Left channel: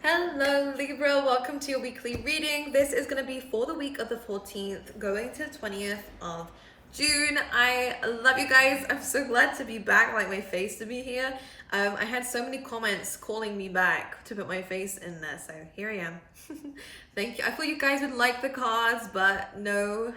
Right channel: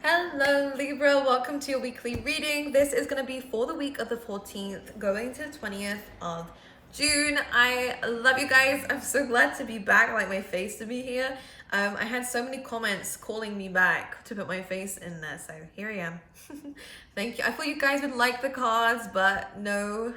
Hello Libra, welcome to your weekly reading. This is going to be for the week of the 14th going to the 20th of June. I love you guys. I'm so glad to be back, like my face to be here. I had so many comments calling me back to put my face in there, so here I am. Thank you. I thought you guys would like the cards, but no.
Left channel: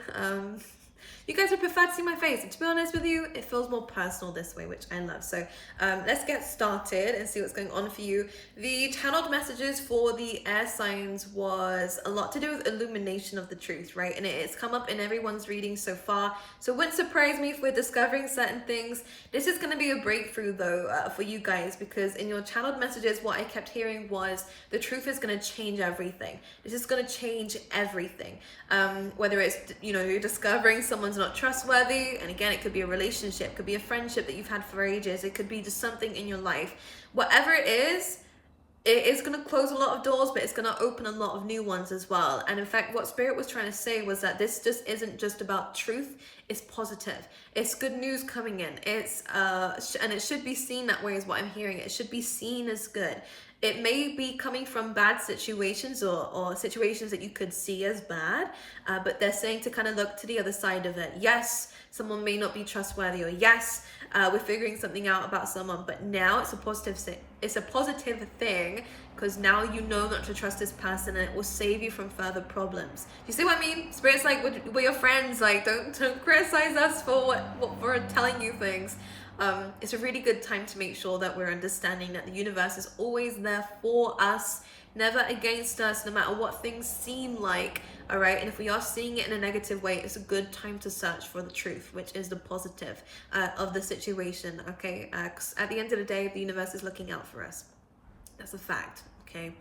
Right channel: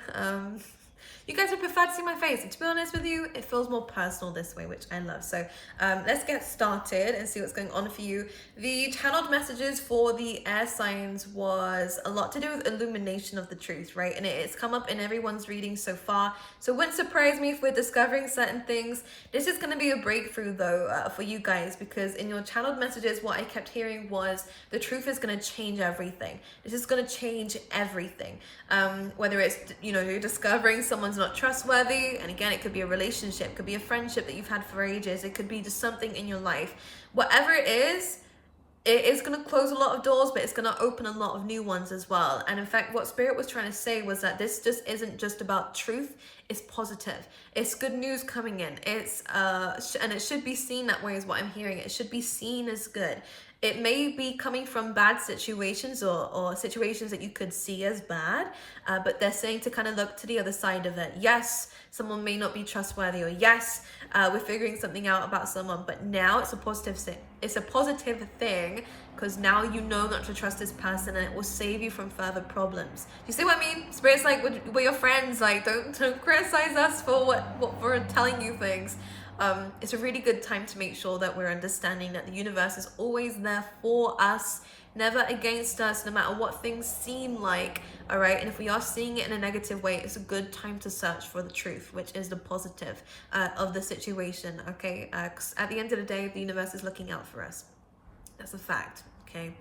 You guys would prefer to see my face. And to be honest with you, it feels more personal this way, which I love. So let's get started and see what's going on for you. The channeled messages for the air signs was a lot to do with illumination of the truth, right? And it's come up in everyone's reading so far. So it wouldn't surprise me if we're discovering certain things. This is going to be a breakthrough though for you guys, because in your channeled messages, what I kept hearing was the truth is going to change everything. This is going to change everything. Whether it's, you're discovering someone's not trustworthy, and again, it could be a relationship, it could be a friendship that you've had for ages, it could be just something in your life. Whatever it is going to close a lot of doors, but it's going to open a lot of new ones as well. And in fact, what Spirit was trying to say was that this just isn't just about truth, it's positive. It's good news coming in. It's and it should be seen that way is what I'm hearing. It should be seen as good. It may be coming from bad situations or situations that you could see as bad, but they're saying to kind of look to the other side of it. Yes, someone may not be trustworthy, or yes, we're figuring something out about someone, but now it's a positive thing. It's a positive thing because now you know not to trust this person, and it will save you from further problems. You see what I mean? Spirit's like, we're your friends. Like, don't criticize us for what we're telling you things. It's a really good time to make sure that we're understanding that the universe is always there for us, never against us, no matter what things seem like. All right, and if we are seeing it in a negative way, it's a good time to search for the truth, which is the positive of the situation. Okay, 'cause at the end of the day, the universe is looking out for us. That's a fact. Okay.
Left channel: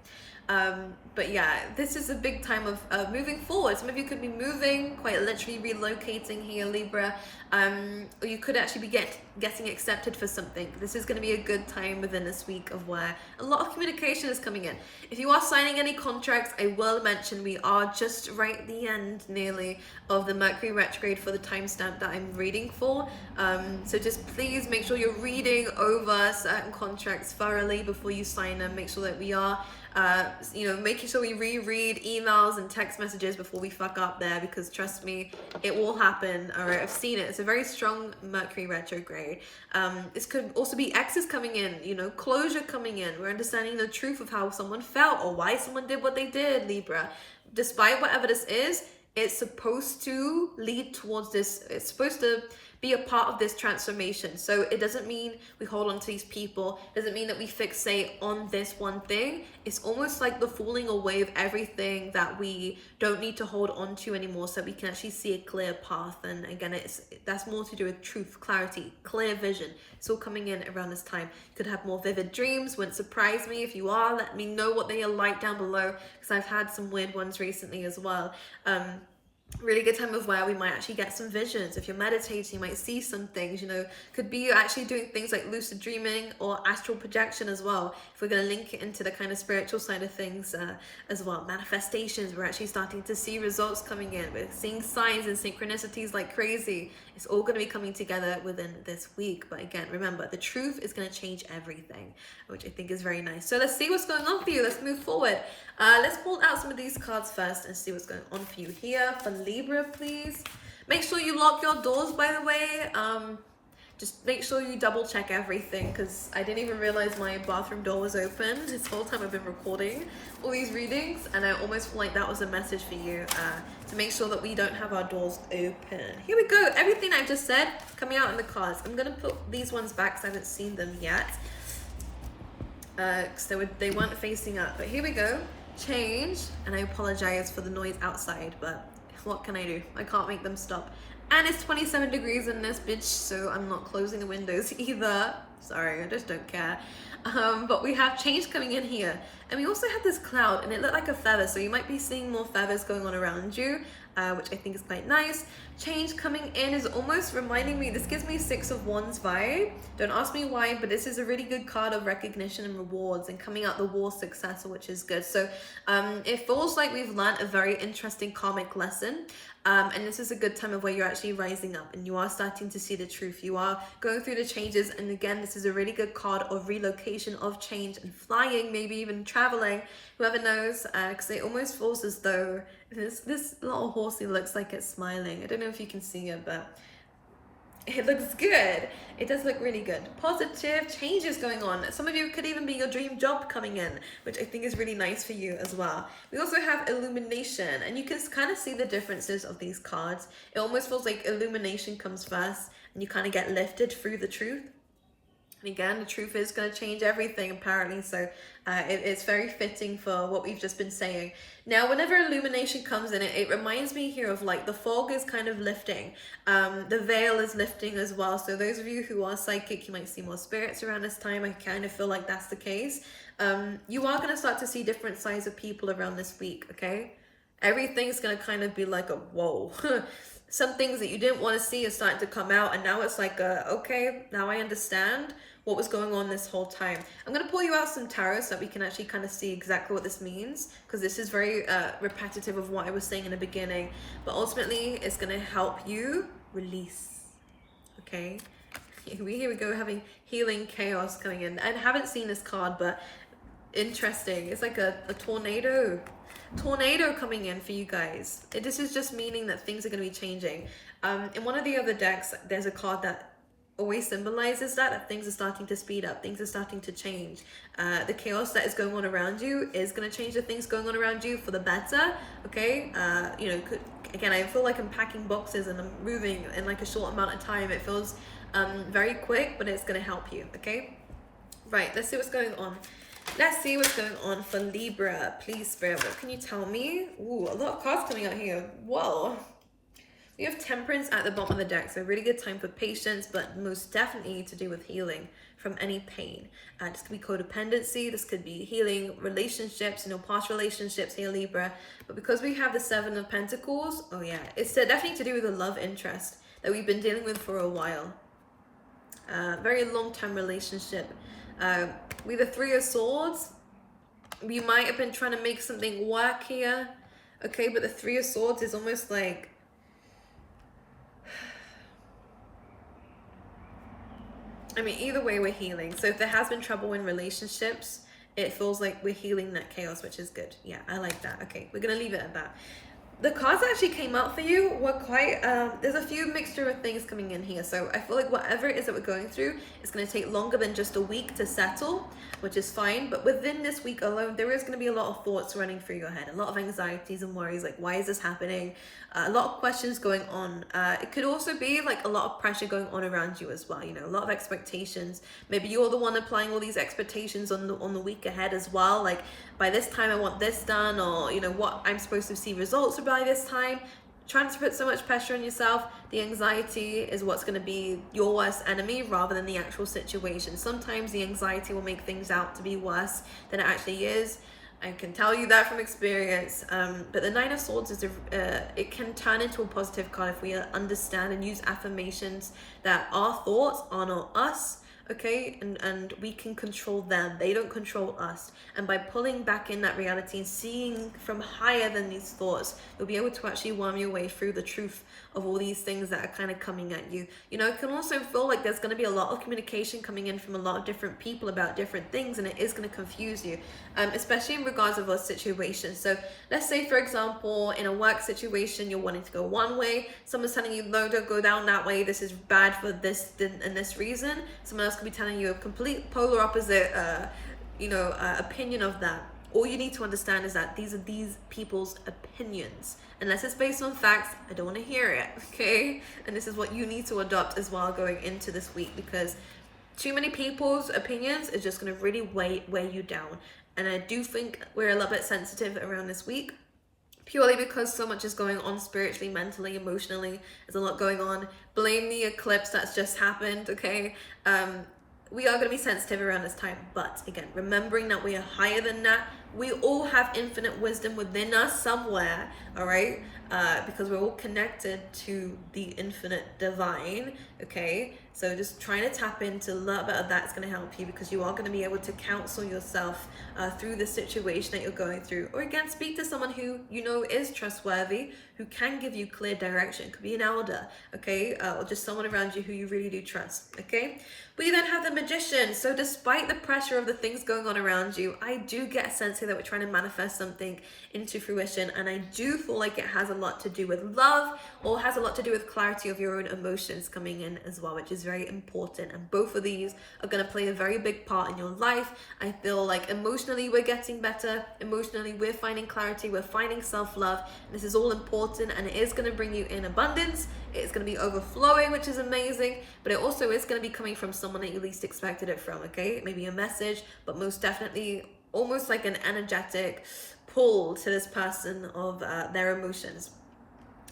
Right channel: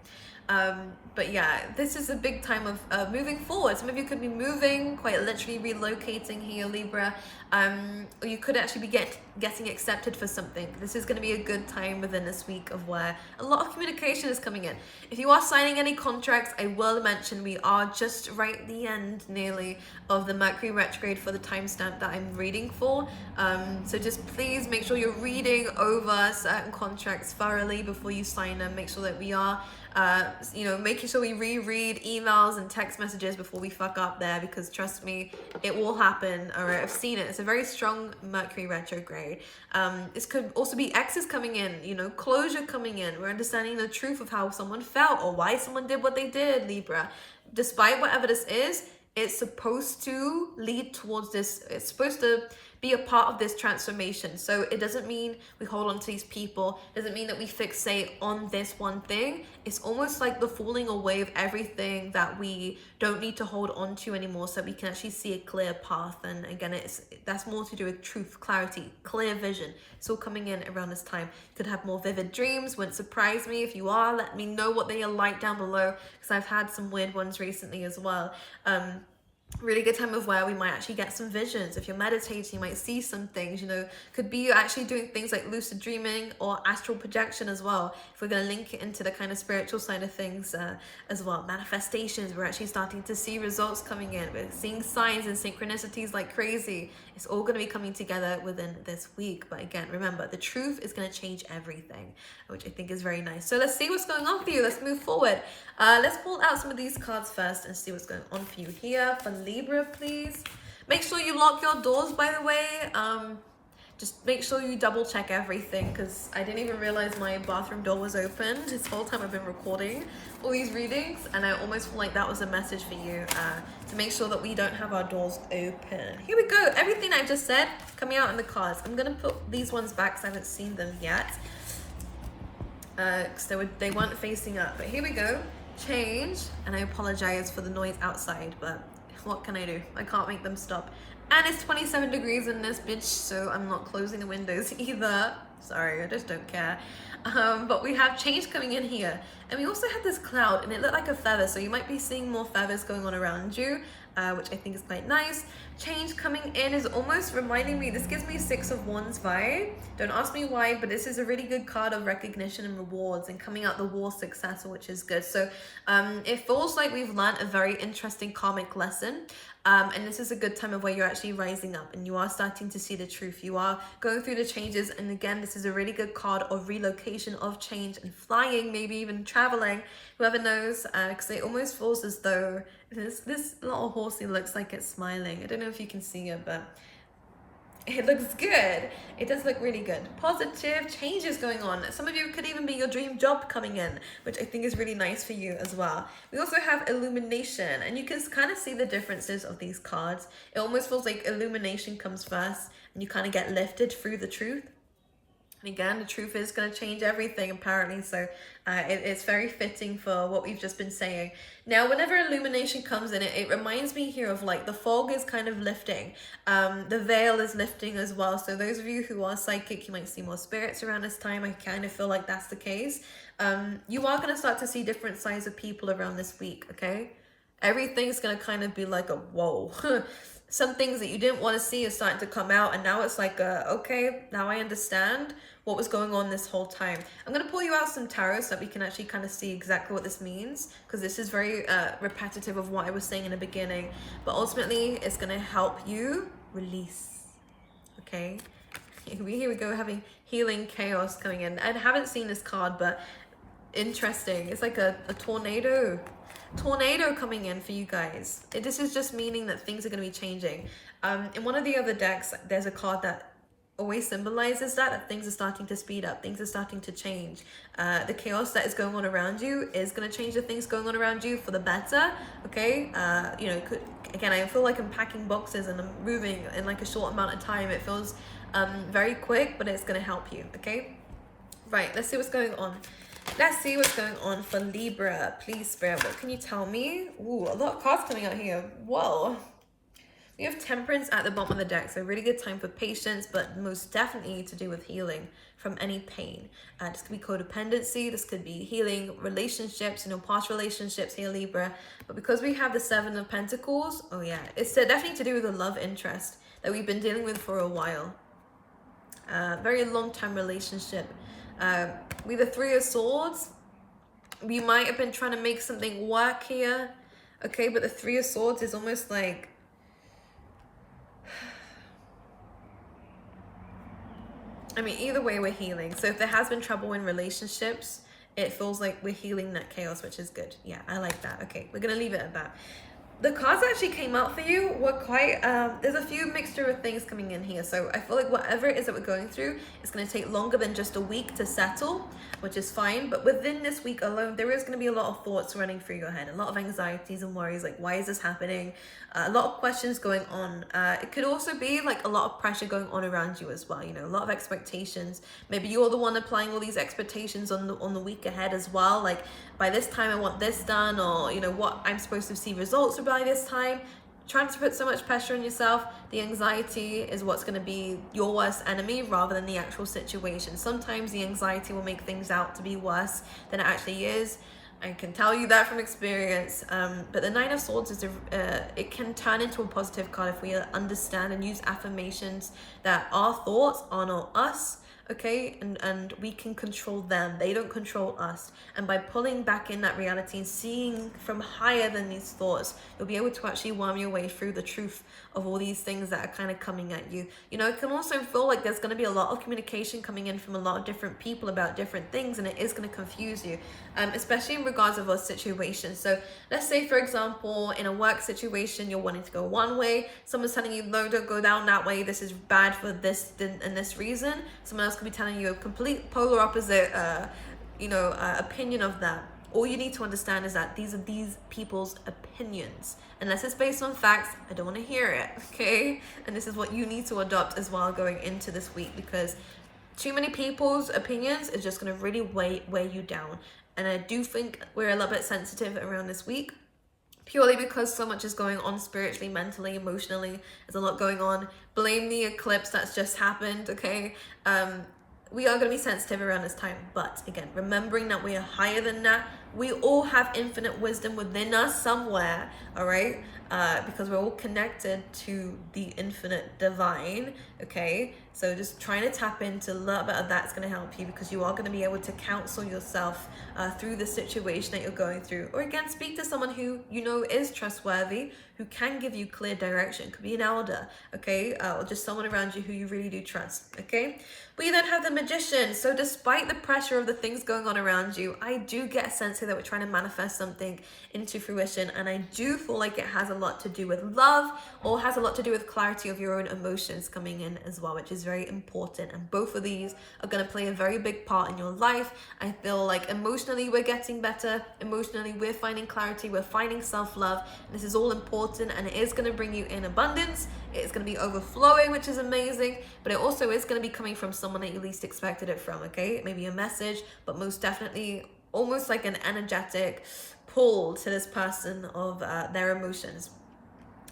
But yeah, this is a big time of moving forward. Some of you could be moving, quite literally relocating here, Libra, or you could actually be getting accepted for something. This is going to be a good time within this week of where a lot of communication is coming in. If you are signing any contracts, I will mention we are just right at the end nearly of the Mercury retrograde for the timestamp that I'm reading for. So just please make sure you're reading over certain contracts thoroughly before you sign them. Make sure that we are making sure we reread emails and text messages before we fuck up there, because trust me, it will happen. All right, I've seen it. It's a very strong Mercury retrograde. This could also be exes coming in, closure coming in. We're understanding the truth of how someone felt or why someone did what they did, Libra. Despite whatever this is, it's supposed to lead towards this. It's supposed to be a part of this transformation. So it doesn't mean we hold on to these people. It doesn't mean that we fixate on this one thing. It's almost like the falling away of everything that we don't need to hold on to anymore, so we can actually see a clear path. And again, that's more to do with truth, clarity, clear vision. It's all coming in around this time. You could have more vivid dreams. Wouldn't surprise me if you are. Let me know what they are like down below, because I've had some weird ones recently as well. Really good time of where we might actually get some visions. If you're meditating, you might see some things, could be actually doing things like lucid dreaming or astral projection as well. If we're going to link it into the kind of spiritual side of things as well. Manifestations, we're actually starting to see results coming in. We're seeing signs and synchronicities like crazy. It's all going to be coming together within this week. But again, remember, the truth is going to change everything, which I think is very nice. So let's see what's going on for you. Let's move forward. Let's pull out some of these cards first and see what's going on for you here. For Libra, please. Make sure you lock your doors, by the way. Just make sure you double check everything, because I didn't even realize my bathroom door was open this whole time I've been recording all these readings, and I almost feel like that was a message for you to make sure that we don't have our doors open. Here we go. Everything I just said coming out in the cards. I'm going to put these ones back because I haven't seen them yet, because they weren't facing up. But here we go. Change, and I apologize for the noise outside, but what can I do? I can't make them stop. And it's 27 degrees in this bitch, so I'm not closing the windows either. Sorry, I just don't care. But we have change coming in here. And we also had this cloud, and it looked like a feather, so you might be seeing more feathers going on around you, which I think is quite nice. Change coming in is almost reminding me, this gives me 6 of Wands vibe. Don't ask me why, but this is a really good card of recognition and rewards, and coming out the war successor, which is good. So it feels like we've learned a very interesting karmic lesson. And this is a good time of where you're actually rising up and you are starting to see the truth. You are going through the changes. And again, this is a really good card of relocation, of change, and flying, maybe even traveling, whoever knows, because it almost feels as though this little horsey looks like it's smiling. I don't know if you can see it, but it looks good. It does look really good. Positive changes going on. Some of you could even be your dream job coming in, which I think is really nice for you as well. We also have illumination, and you can kind of see the differences of these cards. It almost feels like illumination comes first and you kind of get lifted through the truth. And again, the truth is going to change everything, apparently. So it's very fitting for what we've just been saying. Now, whenever illumination comes in, it reminds me here of like the fog is kind of lifting. The veil is lifting as well. So those of you who are psychic, you might see more spirits around this time. I kind of feel like that's the case. You are going to start to see different sides of people around this week, okay? Everything's going to kind of be like a whoa. Some things that you didn't want to see are starting to come out, and now it's like, okay, now I understand what was going on this whole time. I'm going to pull you out some tarot so that we can actually kind of see exactly what this means, because this is very repetitive of what I was saying in the beginning, but ultimately it's going to help you release, okay? Here we go, having healing chaos coming in. I haven't seen this card, but interesting. It's like a tornado coming in for you guys. This is just meaning that things are going to be changing. In one of the other decks, there's a card that always symbolizes that things are starting to speed up, things are starting to change. The chaos that is going on around you is going to change the things going on around you for the better, okay? You know, again, I feel like I'm packing boxes and I'm moving in like a short amount of time. It feels very quick, but it's going to help you, okay? Right, let's see what's going on. Let's see what's going on for Libra. Please, Spirit, what can you tell me? Ooh, a lot of cards coming out here. Whoa. We have Temperance at the bottom of the deck, so really good time for patience, but most definitely to do with healing from any pain. This could be codependency, this could be healing relationships, you know, past relationships here, Libra. But because we have the Seven of Pentacles, oh yeah, it's definitely to do with a love interest that we've been dealing with for a while. Very long-term relationship. With the Three of Swords, we might have been trying to make something work here, okay? But the Three of Swords is almost like, I mean, either way, we're healing. So if there has been trouble in relationships, it feels like we're healing that chaos, which is good. Yeah, I like that. Okay, we're going to leave it at that. The cards that actually came out for you were quite, there's a few mixture of things coming in here. So I feel like whatever it is that we're going through, it's going to take longer than just a week to settle, which is fine. But within this week alone, there is going to be a lot of thoughts running through your head, a lot of anxieties and worries, like, why is this happening? A lot of questions going on. It could also be like a lot of pressure going on around you as well. You know, a lot of expectations. Maybe you're the one applying all these expectations on the week ahead as well. Like, by this time I want this done, or you know what I'm supposed to see results by this time. Trying to put so much pressure on yourself. The anxiety is what's going to be your worst enemy rather than the actual situation. Sometimes the anxiety will make things out to be worse than it actually is. I can tell you that from experience. But the Nine of Swords is it can turn into a positive card if we understand and use affirmations that our thoughts are not us, okay? And we can control them. They don't control us. And by pulling back in that reality and seeing from higher than these thoughts, you'll be able to actually worm your way through the truth of all these things that are kind of coming at you. You know, it can also feel like there's going to be a lot of communication coming in from a lot of different people about different things, and it is going to confuse you, especially in regards of a situation. So let's say, for example, in a work situation, you're wanting to go one way. Someone's telling you, no, don't go down that way. This is bad for this and this reason. Someone else could be telling you a complete polar opposite, opinion of that. All you need to understand is that these are these people's opinions. Unless it's based on facts, I don't want to hear it, okay? And this is what you need to adopt as well going into this week, because too many people's opinions is just going to really weigh you down. And I do think we're a little bit sensitive around this week, purely because so much is going on spiritually, mentally, emotionally. There's a lot going on. Blame the eclipse that's just happened, okay? We are going to be sensitive around this time. But again, remembering that we are higher than that. We all have infinite wisdom within us somewhere, all right? Because we're all connected to the infinite divine, okay? So just trying to tap into a little bit of that's going to help you, because you are going to be able to counsel yourself through the situation that you're going through. Or again, speak to someone who you know is trustworthy, who can give you clear direction. It could be an elder, okay? Or just someone around you who you really do trust, okay? We then have the Magician. So despite the pressure of the things going on around you, I do get a sense here that we're trying to manifest something into fruition, and I do feel like it has a lot to do with love, or has a lot to do with clarity of your own emotions coming in as well, which is very important. And both of these are going to play a very big part in your life. I feel like emotionally we're getting better, emotionally we're finding clarity, we're finding self-love. This is all important, and it is going to bring you in abundance. It's going to be overflowing, which is amazing, but it also is going to be coming from someone that you least expected it from, okay? Maybe a message, but most definitely almost like an energetic pull to this person of their emotions,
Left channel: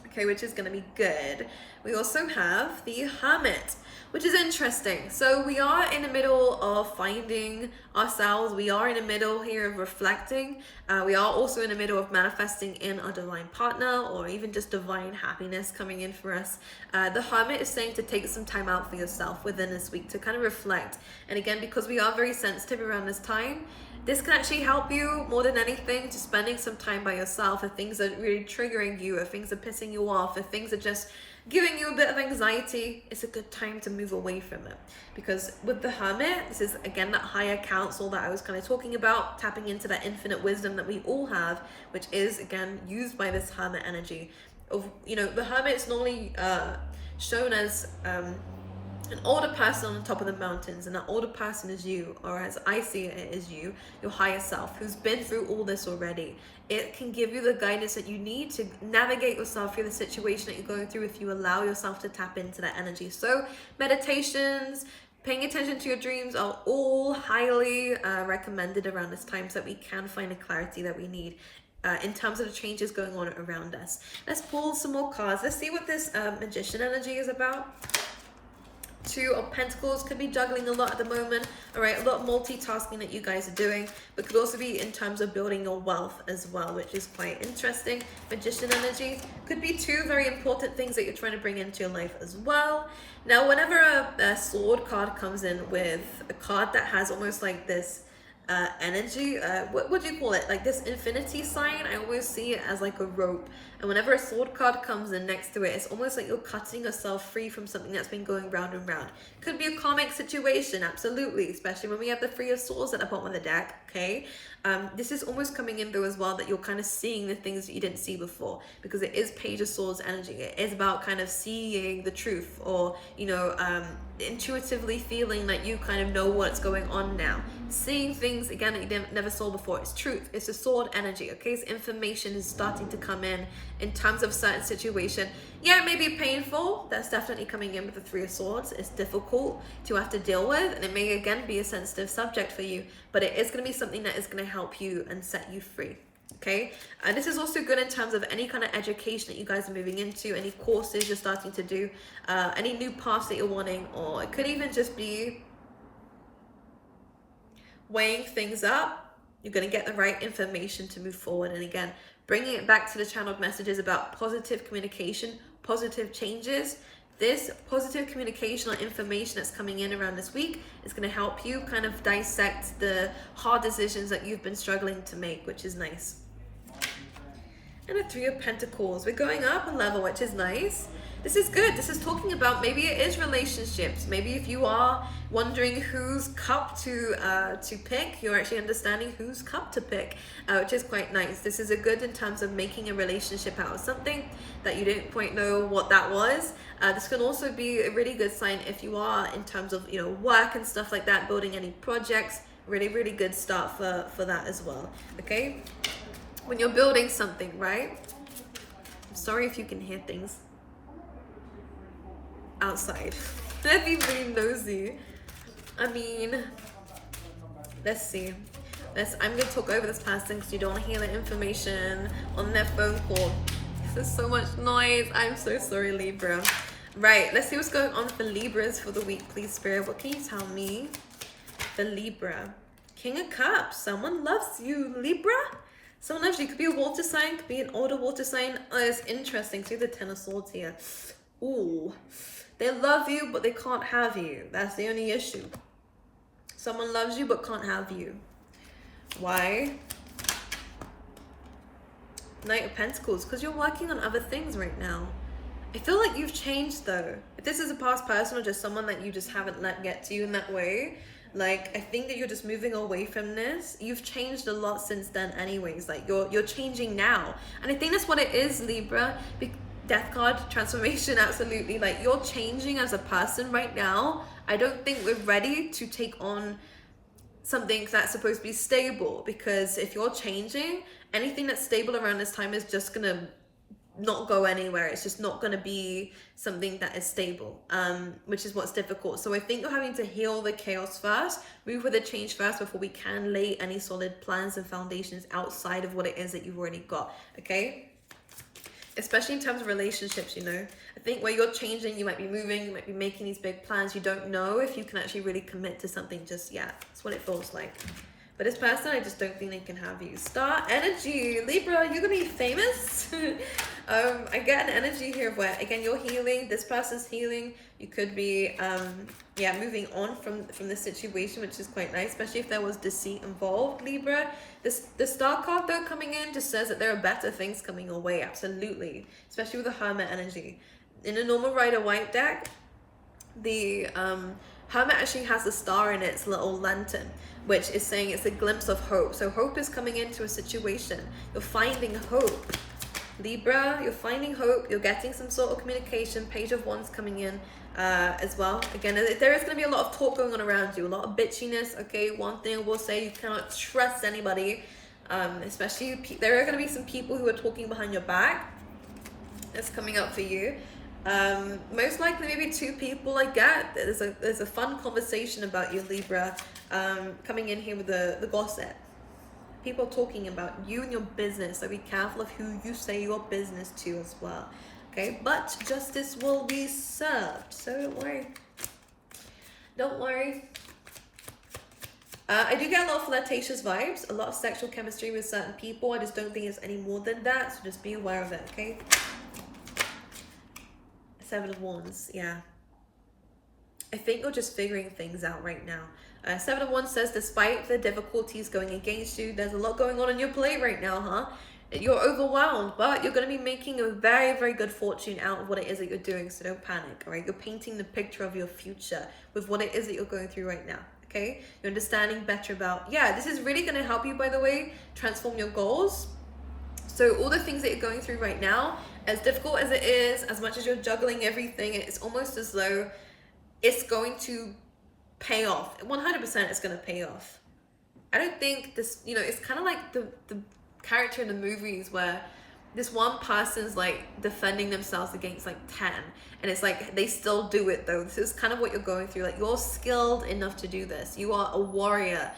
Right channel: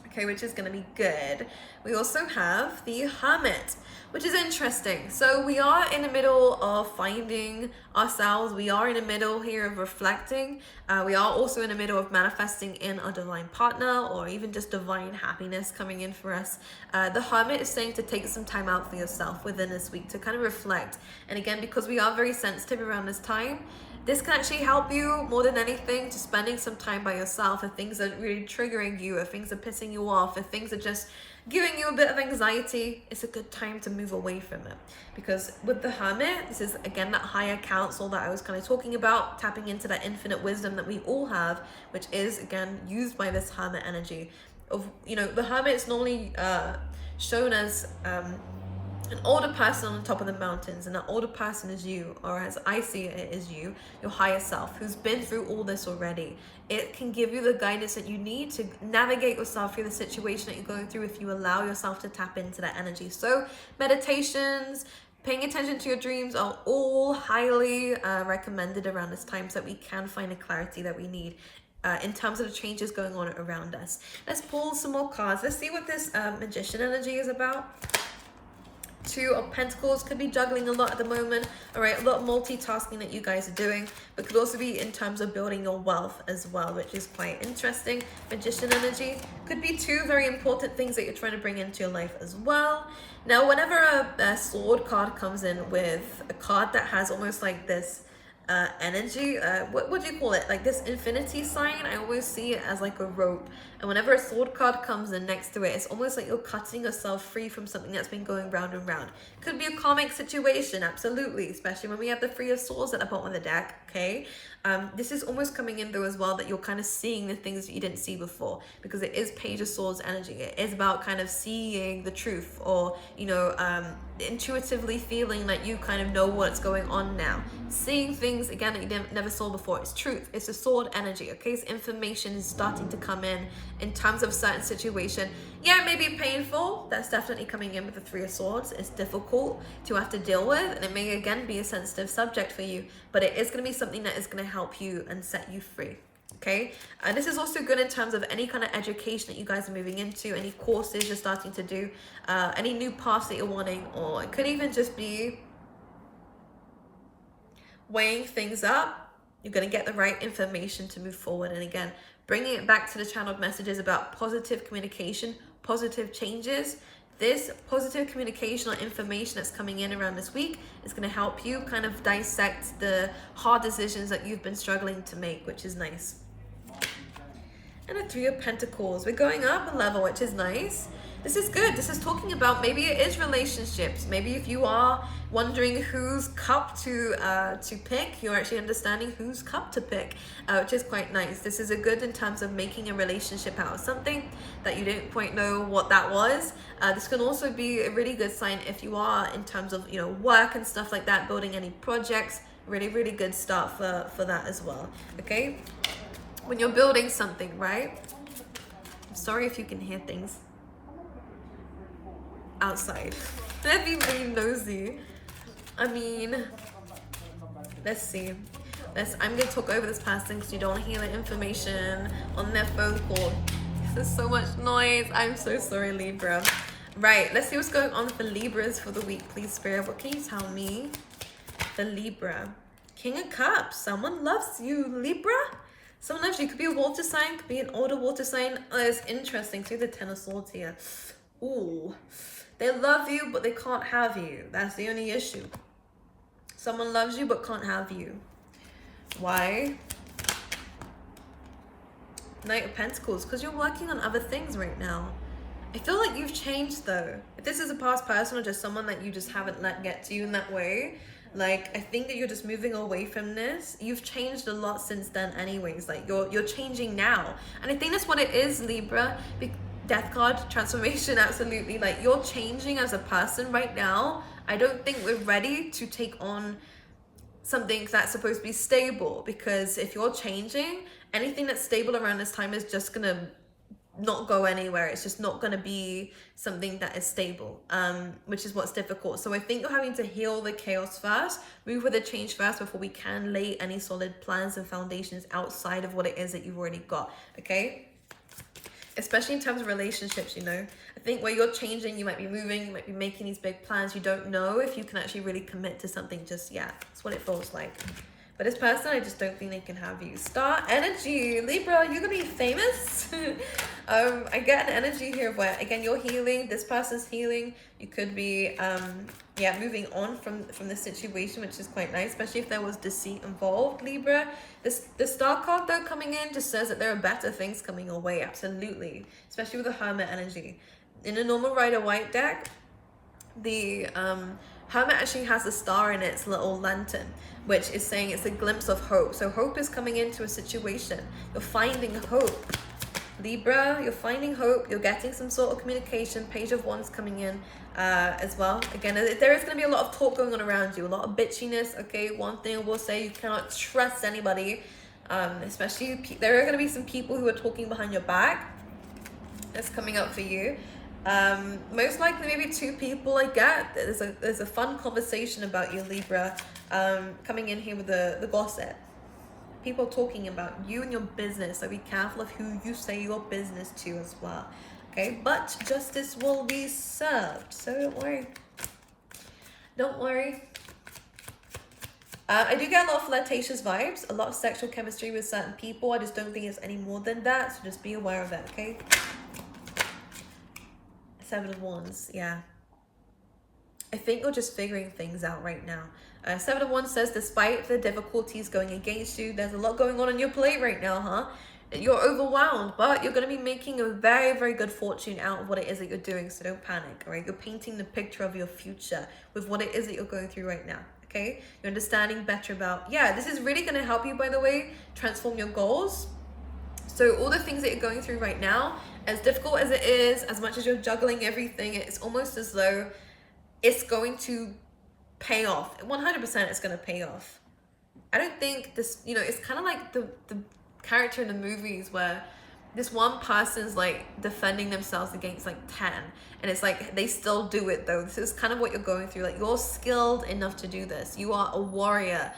okay, which is going to be good. We also have the Hermit, which is interesting. So we are in the middle of finding ourselves. We are in the middle here of reflecting. We are also in the middle of manifesting in our divine partner, or even just divine happiness coming in for us. The Hermit is saying to take some time out for yourself within this week to kind of reflect. And again, because we are very sensitive around this time, this can actually help you more than anything to spending some time by yourself. If things are really triggering you, if things are pissing you off, if things are just giving you a bit of anxiety, it's a good time to move away from it. Because with the Hermit, this is again that higher counsel that I was kind of talking about, tapping into that infinite wisdom that we all have, which is again used by this Hermit energy. Of, you know, the Hermit is normally shown as an older person on the top of the mountains, and that older person is you, or as I see it, is you, your higher self, who's been through all this already. It can give you the guidance that you need to navigate yourself through the situation that you're going through if you allow yourself to tap into that energy. So meditations, paying attention to your dreams are all highly recommended around this time, so that we can find the clarity that we need in terms of the changes going on around us. Let's pull some more cards. Let's see what this Magician energy is about. Two of Pentacles, could be juggling a lot at the moment. All right, a lot of multitasking that you guys are doing, but could also be in terms of building your wealth as well, which is quite interesting. Magician energy could be two very important things that you're trying to bring into your life as well. Now, whenever a sword card comes in with a card that has almost like this energy, what do you call it, like this infinity sign, I always see it as like a rope. And whenever a sword card comes in next to it, it's almost like you're cutting yourself free from something that's been going round and round. Could be a karmic situation, absolutely, especially when we have the Three of Swords at the bottom of the deck, okay? This is almost coming in though as well, that you're kind of seeing the things that you didn't see before, because it is Page of Swords energy. It is about kind of seeing the truth, or, you know, intuitively feeling like you kind of know what's going on now. Seeing things again that you never saw before. It's truth. It's a sword energy, okay? So information is starting to come in terms of certain situation. Yeah, it may be painful. That's definitely coming in with the Three of Swords. It's difficult to have to deal with, and it may again be a sensitive subject for you, but it is going to be something that is going to help you and set you free, okay? And this is also good in terms of any kind of education that you guys are moving into, any courses you're starting to do, any new paths that you're wanting, or it could even just be weighing things up. You're going to get the right information to move forward. And again, bringing it back to the channeled messages about positive communication, positive changes. This positive communication or information that's coming in around this week is going to help you kind of dissect the hard decisions that you've been struggling to make, which is nice. And a Three of Pentacles. We're going up a level, which is nice. This is good. This is talking about, maybe it is relationships. Maybe if you are wondering whose cup to pick, you're actually understanding whose cup to pick, which is quite nice. This is a good in terms of making a relationship out of something that you didn't quite know what that was. This can also be a really good sign if you are in terms of, you know, work and stuff like that, building any projects. Really, really good start for that as well, okay? When you're building something, right? I'm sorry if you can hear things outside. Let me be nosy. I mean, let's see. I'm gonna talk over this person because you don't hear the information on their phone call. There's so much noise. I'm so sorry, Libra. Right, let's see what's going on with the Libras for the week, please, Spirit. What can you tell me? The Libra. King of Cups. Someone loves you, Libra. Someone loves you. It could be a water sign, could be an older water sign. Oh, it's interesting. See the Ten of Swords here. Ooh. They love you, but they can't have you. That's the only issue. Someone loves you, but can't have you. Why? Knight of Pentacles, because you're working on other things right now. I feel like you've changed though. If this is a past person or just someone that you just haven't let get to you in that way, like, I think that you're just moving away from this. You've changed a lot since then anyways. Like, you're changing now. And I think that's what it is, Libra. Death card, transformation, absolutely. Like, you're changing as a person right now. I don't think we're ready to take on something that's supposed to be stable, because if you're changing, anything that's stable around this time is just gonna not go anywhere. It's just not going to be something that is stable, which is what's difficult. So I think you're having to heal the chaos first, move with the change first, before we can lay any solid plans and foundations outside of what it is that you've already got. Okay, especially in terms of relationships, you know. I think where you're changing, you might be moving, you might be making these big plans. You don't know if you can actually really commit to something just yet. That's what it feels like. But this person, I just don't think they can have you. Star energy. Libra, you're going to be famous. I get an energy here where, again, you're healing. This person's healing. You could be, moving on from this situation, which is quite nice, especially if there was deceit involved, Libra. The Star card, though, coming in just says that there are better things coming your way. Absolutely. Especially with the Hermit energy. In a normal Rider-Waite deck, the Hermit actually has a star in its little lantern, which is saying it's a glimpse of hope. So hope is coming into a situation. You're finding hope. Libra, you're finding hope. You're getting some sort of communication. Page of Wands coming in as well. Again, there is going to be a lot of talk going on around you. A lot of bitchiness, okay? One thing I will say, you cannot trust anybody. Especially, there are going to be some people who are talking behind your back. That's coming up for you. Most likely maybe two people. I get there's a fun conversation about you, Libra, coming in here with the gossip. People talking about you and your business, so be careful of who you say your business to as well. Okay, but justice will be served, so don't worry. I do get a lot of flirtatious vibes, a lot of sexual chemistry with certain people. I just don't think it's any more than that, so just be aware of it. Okay. Seven of Wands, yeah. I think you're just figuring things out right now. Seven of Wands says, despite the difficulties going against you, there's a lot going on your plate right now, huh? You're overwhelmed, but you're going to be making a very, very good fortune out of what it is that you're doing, so don't panic, all right? You're painting the picture of your future with what it is that you're going through right now, okay? You're understanding better about, this is really going to help you, by the way, transform your goals. So all the things that you're going through right now, as difficult as it is, as much as you're juggling everything, it's almost as though it's going to pay off. 100% it's going to pay off. I don't think this, it's kind of like the character in the movies where this one person's like defending themselves against like 10. And it's like, they still do it though. This is kind of what you're going through. Like, you're skilled enough to do this. You are a warrior.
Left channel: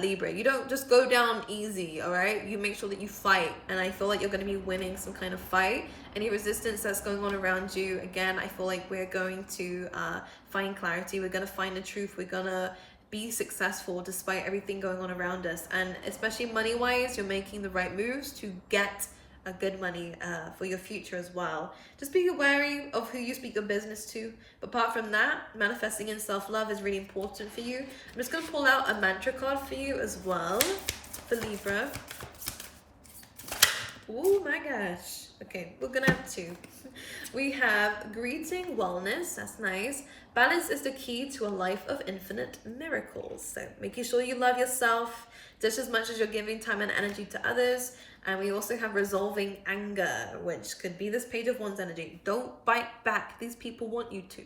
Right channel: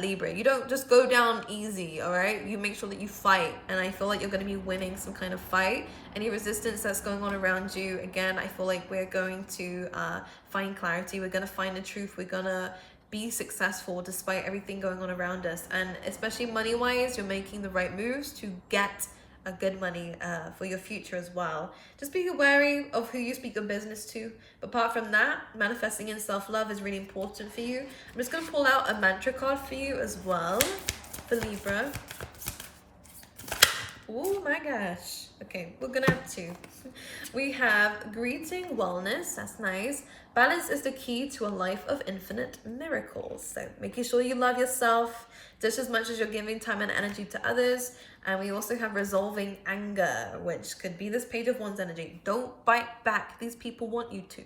Libra, you don't just go down easy, all right? You make sure that you fight, and I feel like you're going to be winning some kind of fight. Any resistance that's going on around you, again, I feel like we're going to find clarity. We're going to find the truth. We're going to be successful despite everything going on around us. And especially money-wise, you're making the right moves to get a good money for your future as well. Just be wary of who you speak your business to. But apart from that, manifesting in self-love is really important for you. I'm just going to pull out a mantra card for you as well, for Libra. Oh my gosh. Okay, we're going to have two. We have greeting wellness. That's nice. Balance is the key to a life of infinite miracles. So making sure you love yourself just as much as you're giving time and energy to others. And we also have resolving anger, which could be this Page of Wands energy. Don't bite back. These people want you to.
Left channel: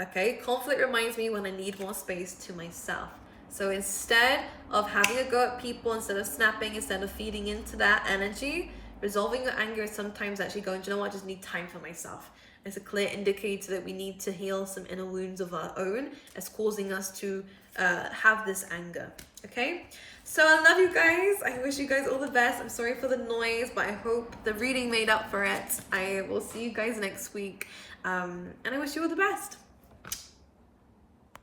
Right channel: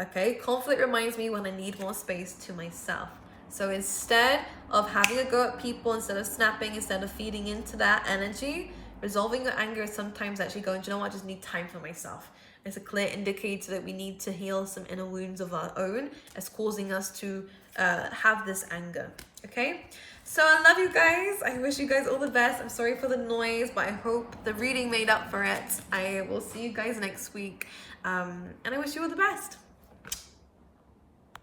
Okay, conflict reminds me when I need more space to myself. So instead of having a go at people, instead of snapping, instead of feeding into that energy, resolving your anger is sometimes actually going, do you know what, I just need time for myself. It's a clear indicator that we need to heal some inner wounds of our own as causing us to have this anger. Okay, so I love you guys. I wish you guys all the best. I'm sorry for the noise, but I hope the reading made up for it. I will see you guys next week, and I wish you all the best.